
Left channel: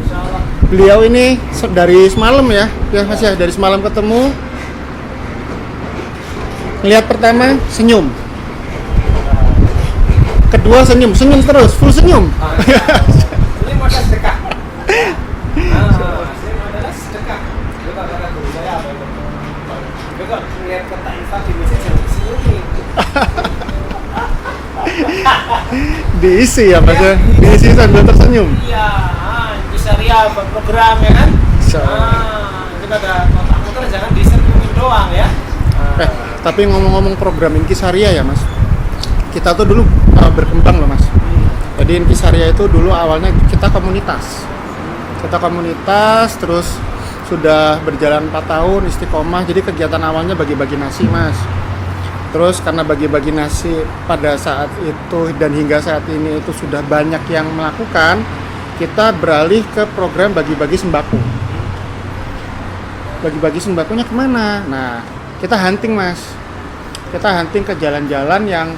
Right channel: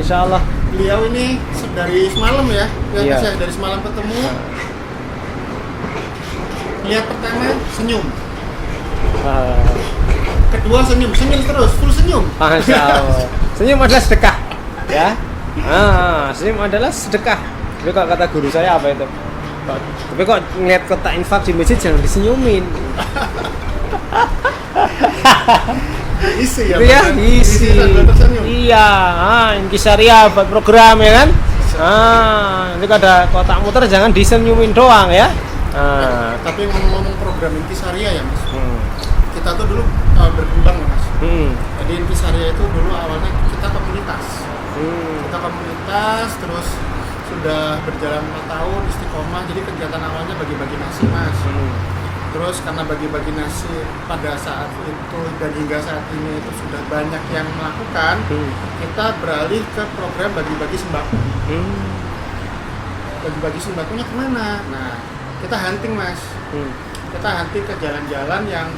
Insya Allah. Beliau ini dari semalam ya, Mas Iya. ya, dari semalam ketemu. Lihat pertama senyum, kedua senyum terus, full senyum. Masya Allah. Senyum adalah sedekah. Ya. Senyum adalah sedekah. Itu kalau kata guru saya apa itu? Tapi kok ngeliat kotak infak di masjid jangan disenyumin. Diisi ya, Mas. Iya, ya? Diisi sambil tersenyum. Iya, Intisariah buat program ya kan? Itu ada kotak muter jangan disenyumin doang ya. Tapi ngomong-ngomong program Intisariah ya Mas, kita tuh dulu berkembang loh Mas. Jadi Intisariah itu dulu awalnya kita komunitas. Terus sudah berjalan 4 tahun istiqomah. Jadi kegiatan awalnya bagi-bagi nasi Mas. Terus karena bagi-bagi nasi pada saat itu dan hingga saat ini itu sudah banyak yang melakukan, kita beralih ke program bagi-bagi sembako. Bagi-bagi sembakonya kemana? Nah, kita hunting Mas. Kita hunting ke jalan-jalan yang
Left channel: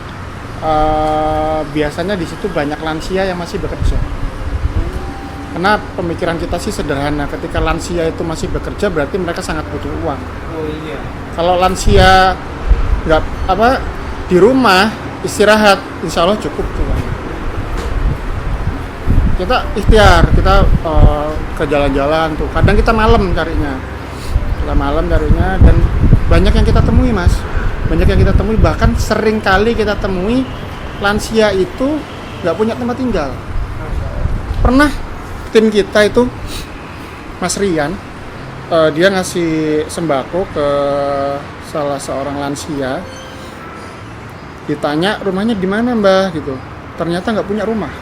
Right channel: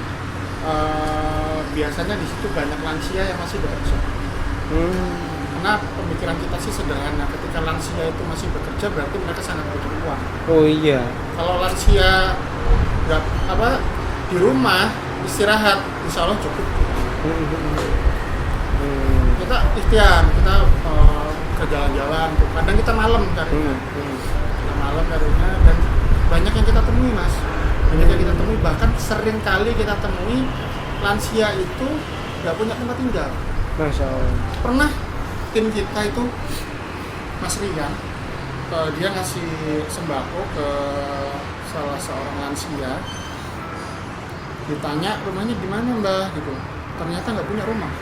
biasanya di situ banyak lansia yang masih bekerja. Karena pemikiran kita sih sederhana, ketika lansia itu masih bekerja berarti mereka sangat butuh uang. Oh iya. Kalau lansia nggak di rumah istirahat, insya Allah cukup. Kita ikhtiar, kita ke jalan-jalan tuh. Kadang kita malam carinya, dan banyak yang kita temui Mas. Banyak yang kita temui, bahkan sering kali kita temui lansia itu nggak punya tempat tinggal. Masya Allah. Pernah tim kita itu Mas Rian, dia ngasih sembako ke salah seorang lansia. Ditanya rumahnya di mana Mbah gitu, ternyata nggak punya rumah.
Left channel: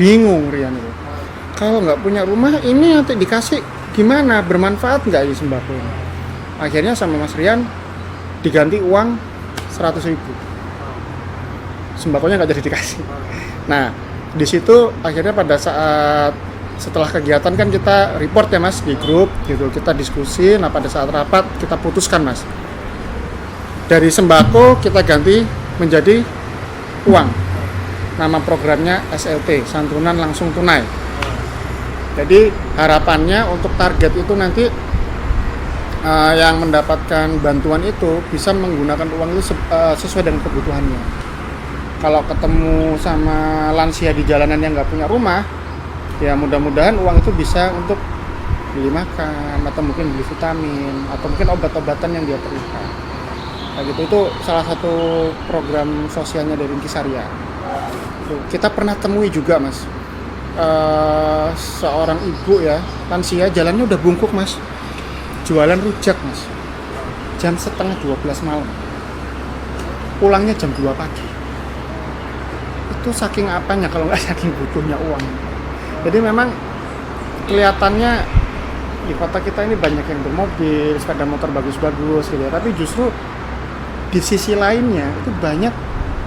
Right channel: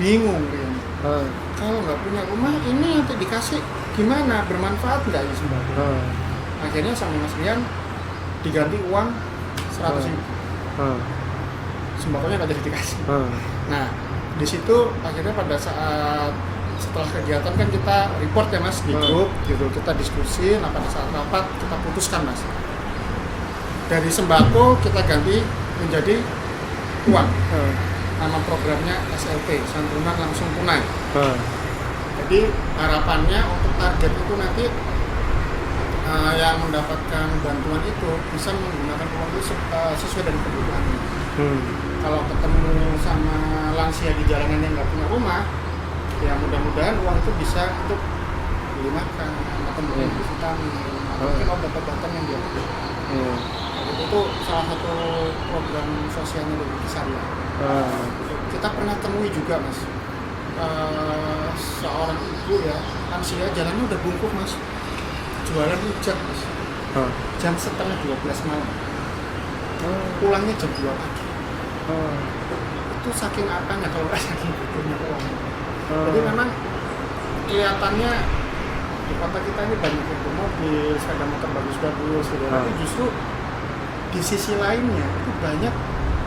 Bingung Rian itu. Kalau nggak punya rumah ini nanti dikasih gimana, bermanfaat nggak ini sembako? Akhirnya sama Mas Rian diganti uang 100.000. Sembakonya nggak jadi dikasih. Nah, di situ akhirnya pada saat setelah kegiatan kan kita report ya Mas di grup gitu, kita diskusi. Nah pada saat rapat kita putuskan Mas, dari sembako kita ganti menjadi uang. Nama programnya SLT, santunan langsung tunai. Jadi harapannya untuk target itu nanti yang mendapatkan bantuan itu bisa menggunakan uang itu sesuai dengan kebutuhannya. Kalau ketemu sama lansia di jalanan yang nggak punya rumah, ya mudah-mudahan uang itu bisa untuk beli makan atau mungkin beli vitamin atau mungkin obat-obatan yang dia perlukan. Kayak gitu, itu salah satu program sosialnya dari Intisarya. Kita pernah temui juga mas, seorang ibu ya lansia jalannya udah bungkuk mas, jualan rujak mas, jam 11:30 malam, pulangnya jam 2 pagi. Itu saking apanya kalau nggak saking butuhnya uang. Jadi memang kelihatannya di kota kita ini banyak yang bermobil, sepeda motor bagus-bagus gitu. Tapi justru di sisi lainnya itu banyak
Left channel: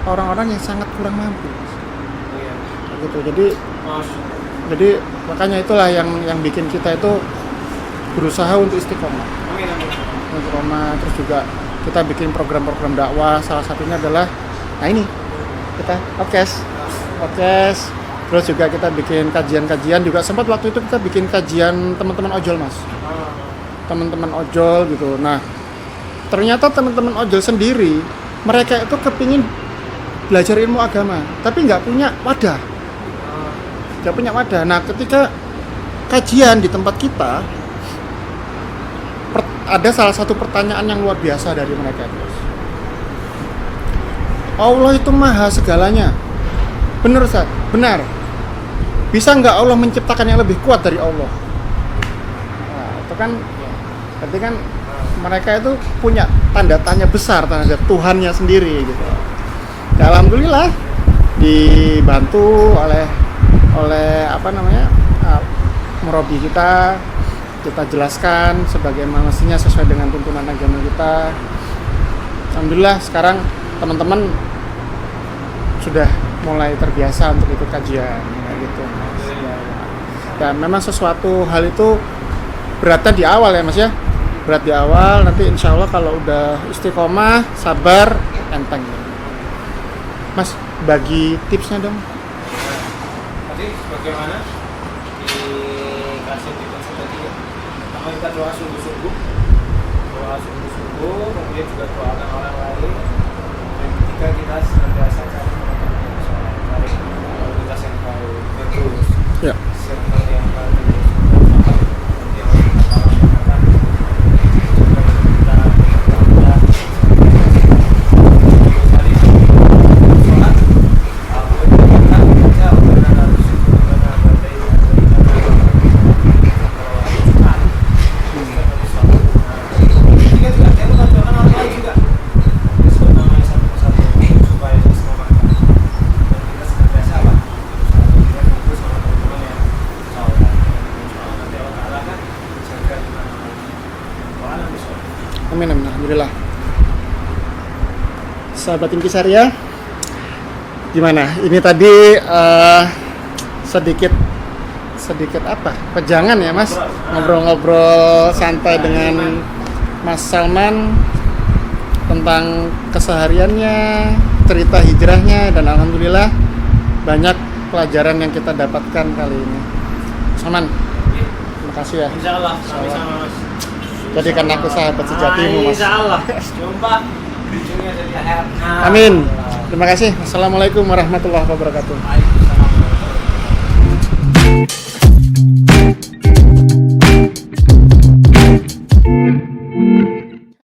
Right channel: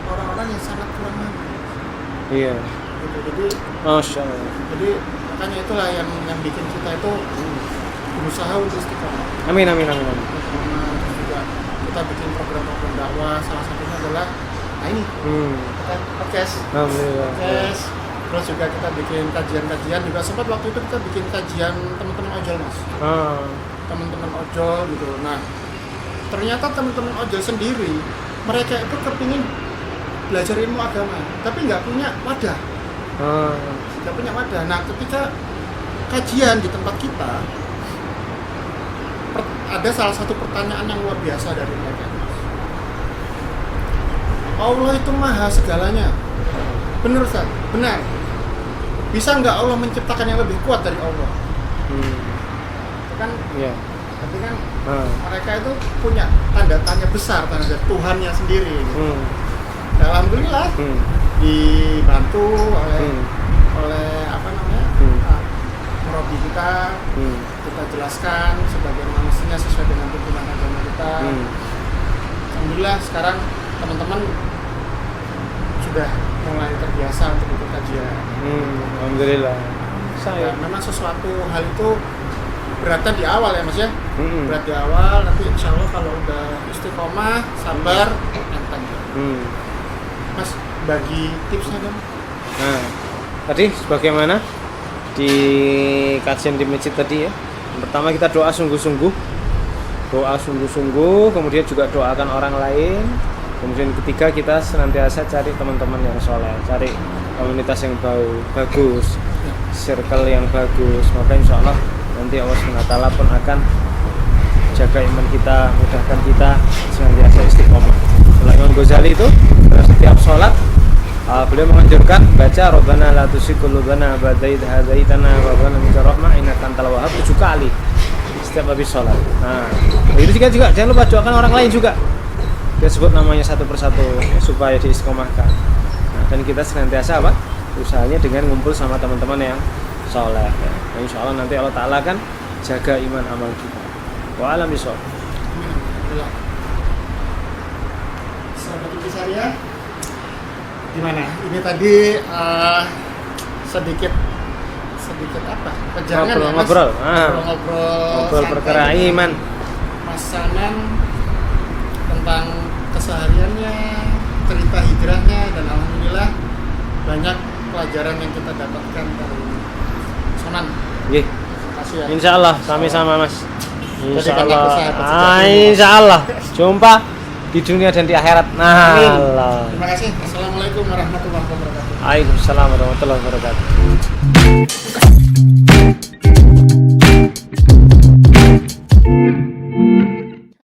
orang-orang yang sangat kurang mampu. Iya. Gitu. Jadi Masya Allah. Jadi makanya itulah yang bikin kita itu berusaha untuk istiqomah. Amin. Istiqomah, terus juga kita bikin program-program dakwah. Salah satunya adalah ini kita podcast. Terus juga kita bikin kajian-kajian, juga sempat waktu itu kita bikin kajian teman-teman ojol mas. Teman-teman ojol gitu. Nah ternyata teman-teman ojol sendiri mereka itu kepingin belajar ilmu agama tapi nggak punya wadah. Nah ketika kajian di tempat kita ada salah satu pertanyaan yang luar biasa dari mereka. Allah itu maha segalanya. Benar Ustaz? Benar. Bisa nggak Allah menciptakan yang lebih kuat dari Allah? Nah, itu kan ya. Berarti kan mereka itu punya tanda tanya besar terhadap Tuhannya sendiri gitu. Ya, alhamdulillah dibantu oleh murabi kita jelaskan sebagaimana mestinya sesuai dengan tuntunan agama kita. Alhamdulillah sekarang teman-teman sudah mulai terbiasa untuk ikut kajian. Gitu. Alhamdulillah. Dan memang sesuatu hal itu beratnya di awal ya mas ya. Berat di awal, nanti insya Allah kalau udah istiqomah, sabar, enteng. Mas bagi tipsnya dong. Nah, tadi sebagaimana di kajian di masjid tadi ya. Pertama kita doa sungguh-sungguh, kemudian juga doakan orang lain. Kemudian ketiga kita senantiasa cari teman-teman yang soleh, cari komunitas yang bagus, circle yang bagus. Maka insya Allah nanti Allah SWT pun akan jaga iman kita, mudahkan kita senantiasa istiqomah. Imam Ghazali itu setiap sholat beliau mengajarkan membaca Rabbana la tuzigh qulubana ba'da idh hadaytana wa hab lana min ladunka rahmah innaka antal wahhab 7 kali setiap habis sholat. Nah, ini juga jangan lupa doakan orang lain juga. Kita sebut namanya satu persatu supaya diistiqomahkan. Dan kita senantiasa usahanya dengan ngumpul sama teman-teman yang soleh. Nah, insya Allah nanti Allah Ta'ala kan jaga iman amal kita. Wa alam bisawab. Amin. Alhamdulillah. Sahabat Intisarya, gimana? Ini tadi sedikit pejangan ya mas, ngobrol santai dengan Mas Salman tentang kesehariannya, cerita hijrahnya, dan alhamdulillah banyak pelajaran yang kita dapatkan kali ini. Salman, terima kasih ya. Insya Allah sama-sama mas. Jadi kan aku sahabat sejati. Insya Allah jumpa di dunia dan di akhirat. Nah, amin. Terima kasih. Assalamualaikum warahmatullahi wabarakatuh. Waalaikumsalam warahmatullahi wabarakatuh.